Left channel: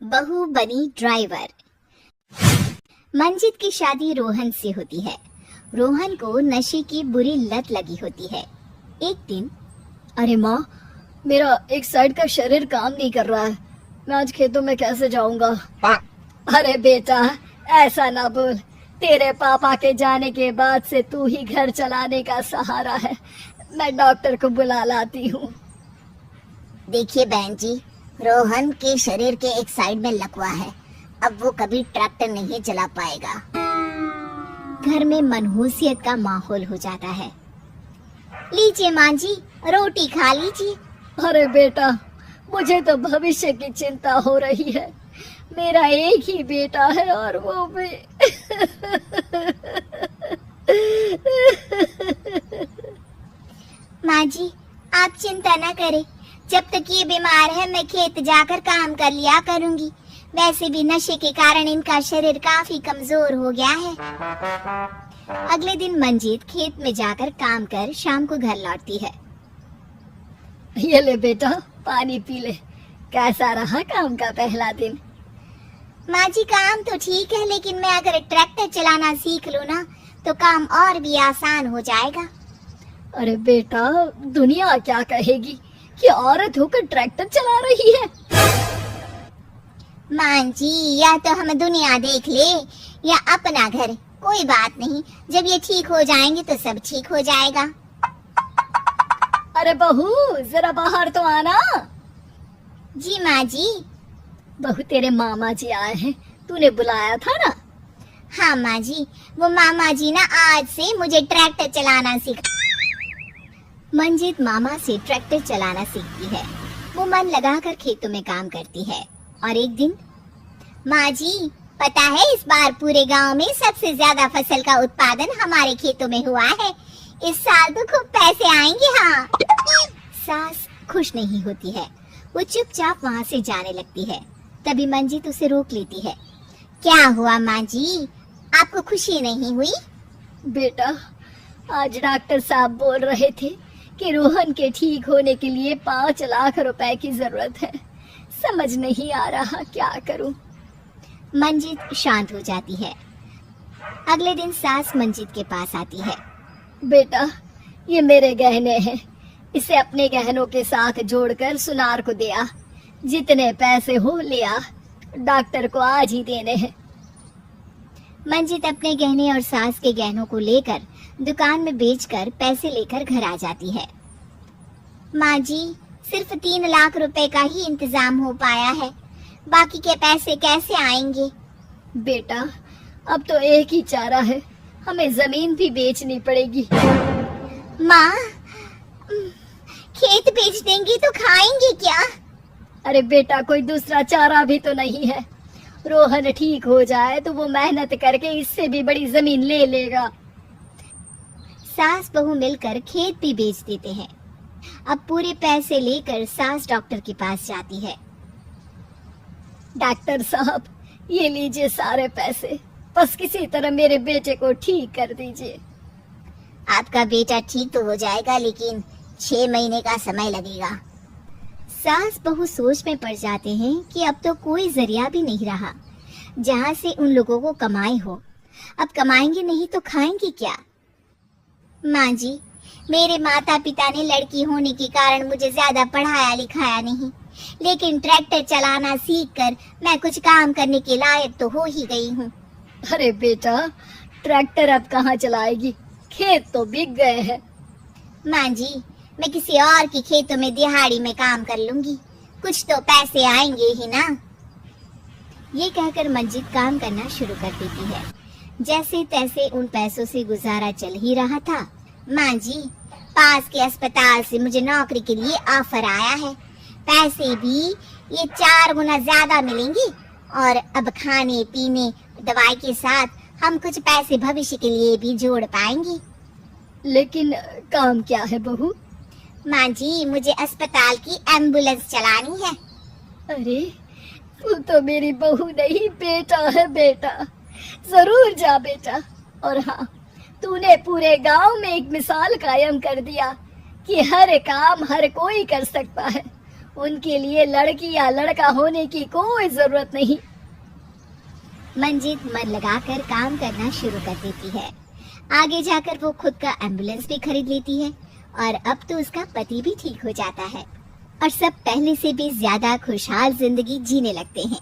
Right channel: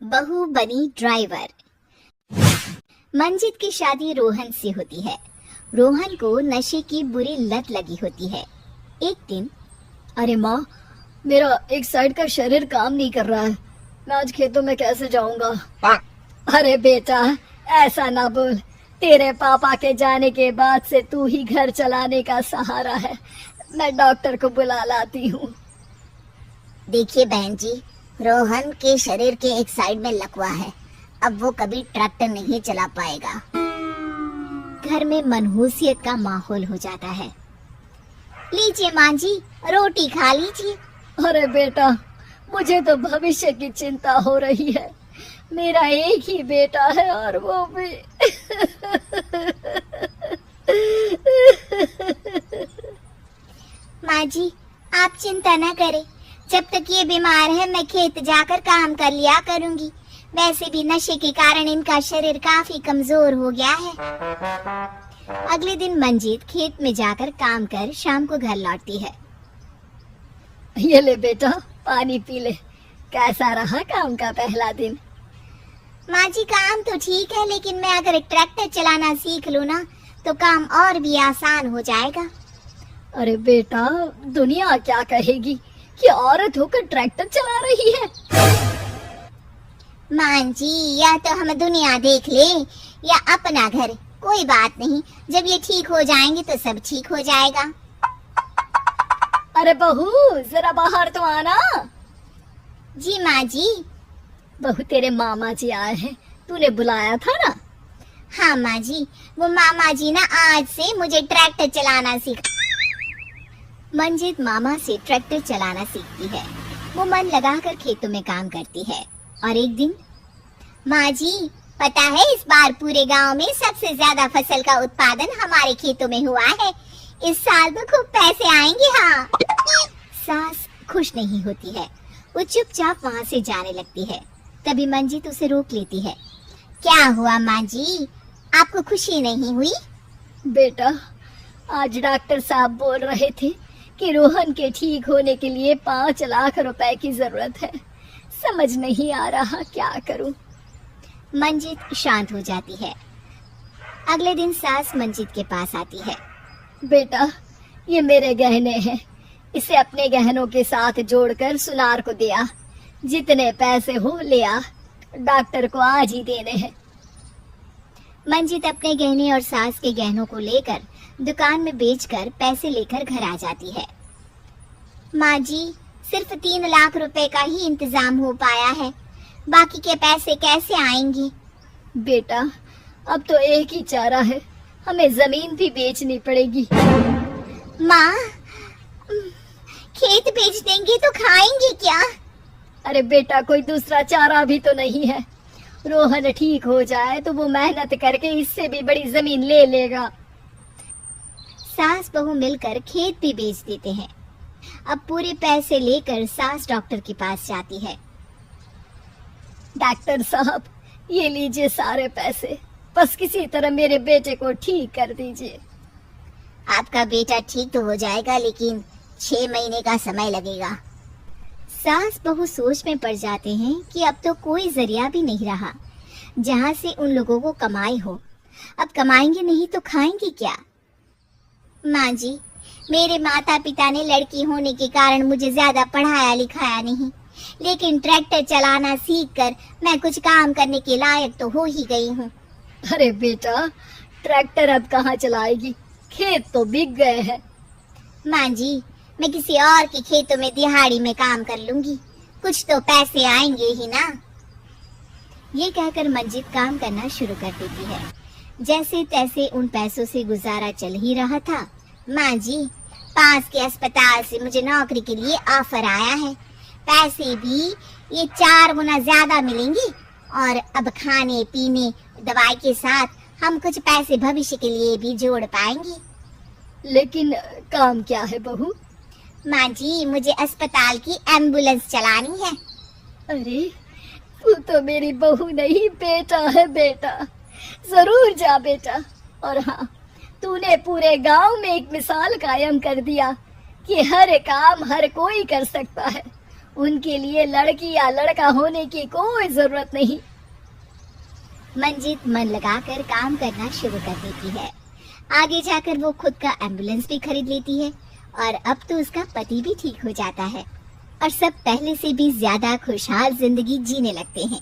बहू बनी ड्राइवर। मंजित की शादी रोहन से होती है। रोहन को नशे की बुरी लत लगी होती है। एक दिन, अरे माँ, मेरा एक साइड का शरीर काम नहीं कर रहा है। मैं आज खेतों में कैसे जाऊंगा? अरे बेटा, ऐसा ना बोल। तेरे पापा के जाने के बाद से तू ही घर चलाने का सहारा है। मैं डॉक्टर को बुला लाती हूँ। देखिए बहन जी, रोहन के शरीर के एक साइड में लकवा है। अब वो कभी ट्रैक्टर नहीं चला पाएगा। घर में मनहूसियत का माहौल हो जाता है। लीजिए माँ जी, रोटी खा लीजिए। अरे बेटा, मुझे तो भविष्य की चिंता हो रही है। मेरा एक ही बेटा है और वो भी माँ जी, आप चिंता न करें। जब तक ये बीमार है मैं खेत जाकर काम कर लिया करूंगी। वैसे भी नशे के कारण इनका शरीर काफी कमजोर हो गया है। अगले दिन मंजीत खेत में जाकर काम कर शाम को घर लौटती है। ये ले बेटा, पानी पी ले। कैसा रहा काम का पहला दिन? माँ जी, काम तो ठीक है, लेकिन मैं अगर ट्रैक्टर चलाना सीख लूँ ना तो काम और भी आसान हो जाएगा। अरे बेटा, दुनिया क्या कहेगी कि औरत होकर ट्रैक्टर चला रही है। माँ जी, या तो हम दुनिया देख ले या अपना घर, कोई बात नहीं। जब ये ठीक हो जाएंगे तो सब ठीक हो जाएगा। अरे बहू, जरा बाहर तो आना। जी माँ जी। बहू, तेरे मामा जी आए हैं, तूने बुलाया था ना? हाँ माँ जी, वो मामा जी ना आज से मुझे ट्रैक्टर चलाना सिखा। मंजित मामा से ट्रैक्टर चलाना सीखती है। वो मन लगाकर खेतों में काम करती है। और एक दिन, माँ जी, पता है इस बार पूरे गांव में सबसे ज्यादा फसल का उत्पादन हमारे खेतों में हुआ है। इस साल तो खूब पैसे आएंगे। हाँ। सास खुश नहीं होती है। वो चुपचाप वहाँ से जाने लगती है। तभी मंजित उसे रोक लेती है। क्या हुआ माँ जी, आपको खुशी नहीं हुई? बेटा, आज डॉक्टर साहब बोल रहे थे कि रोहन के ठीक होने के लिए 5 लाख रुपए की जरूरत है। समझ नहीं आ रहा क्या करूं। मंजित शांत हो जाती है। अगले दिन सास मंजित के पास आती है। बेटा, ये मेरे गहने हैं। इसे अपने गहनों के साथ जोड़कर सुनार को दे आ। जितने पैसे हो ले आ। डॉक्टर को आज ही देने हैं। मंजित अपने गहने और सास के गहनों को लेकर दुकान में बेचकर पैसे लेकर घर आ जाती है। माँ जी, सिर्फ 3 लाख रुपए का ही इंतजाम हो पाया है। बाकी के पैसे कैसे आएंगे? बेटा, अब तो एक ही चारा है, हमें जमीन भी बेचनी पड़ेगी। माँ, खेत बेच देंगे तो खाएंगे क्या? अरे बेटा, कोई दूसरा चारा भी तो नहीं है। रोहन ठीक हो जाए तो वो मेहनत करके इससे भी बड़ी जमीन ले लेगा। सास बहू मिलकर खेत भी बेच देते हैं। अब पूरे पैसे लेकर सास डॉक्टर के पास जाती है। डॉक्टर साहब, ये लीजिए सारे पैसे। बस किसी तरह मेरे बेटे को ठीक कर दीजिए। आपका बेटा ठीक तो हो जाएगा, लेकिन 6 महीने का समय लगेगा। सास बहू सोच में पड़ जाते हैं कि अब तो कोई जरिया भी नहीं रहा जहाँ से उन लोगों को कमाई हो। अब कमाएंगे नहीं तो खाएंगे क्या? माँ जी, मेरे माता पिता ने लड़की होने के कारण मुझे ज्यादा पढ़ाया लिखाया नहीं, लेकिन ट्रैक्टर चलाना सीखकर मैं कुछ काम करने के लायक तो हो ही गई हूँ। अरे बेटा, ट्रैक्टर अब कहाँ चलाएगी? खेत तो बिक गए हैं। माँ जी, मैं किसी और के खेतों में दिहाड़ी में काम कर लूंगी, कुछ तो पैसे आएंगे ही ना। ये कहकर मंजित काम करना शुरू कर देती है। जैसे तैसे उन पैसों से गुजारा चल ही रहा था। माँ जी, पास के अस्पताल से मुझे नौकरी के लिए ऑफर आया है। पैसे भी ये 4 गुना ज्यादा मिलेंगे और अब खाने पीने दवाई के साथ हम कुछ पैसे भविष्य के लिए भी जोड़ पाएंगे। लेकिन काम क्या है बहू? माँ जी, मुझे अस्पताल की एम्बुलेंस चलानी है। अरे, तू तो मेरी बहू नहीं, बेटा है बेटा। जरूर जा बेटा। और हाँ, तूने पूरे गांव में एक मिसाल कायम कर दिया कि हर काम हर कोई कर सकता है। उनके लिए लड़की या लड़का होने की कोई जरूरत नहीं। मंजीत मन लगाकर काम करना शुरू कर देती है। आगे जाकर वो खुद का एम्बुलेंस भी खरीद लेती है और अब तो उसका पति भी ठीक हो जाता है और सब पहले से भी ज्यादा खुशहाल जिंदगी जीने लगते हैं।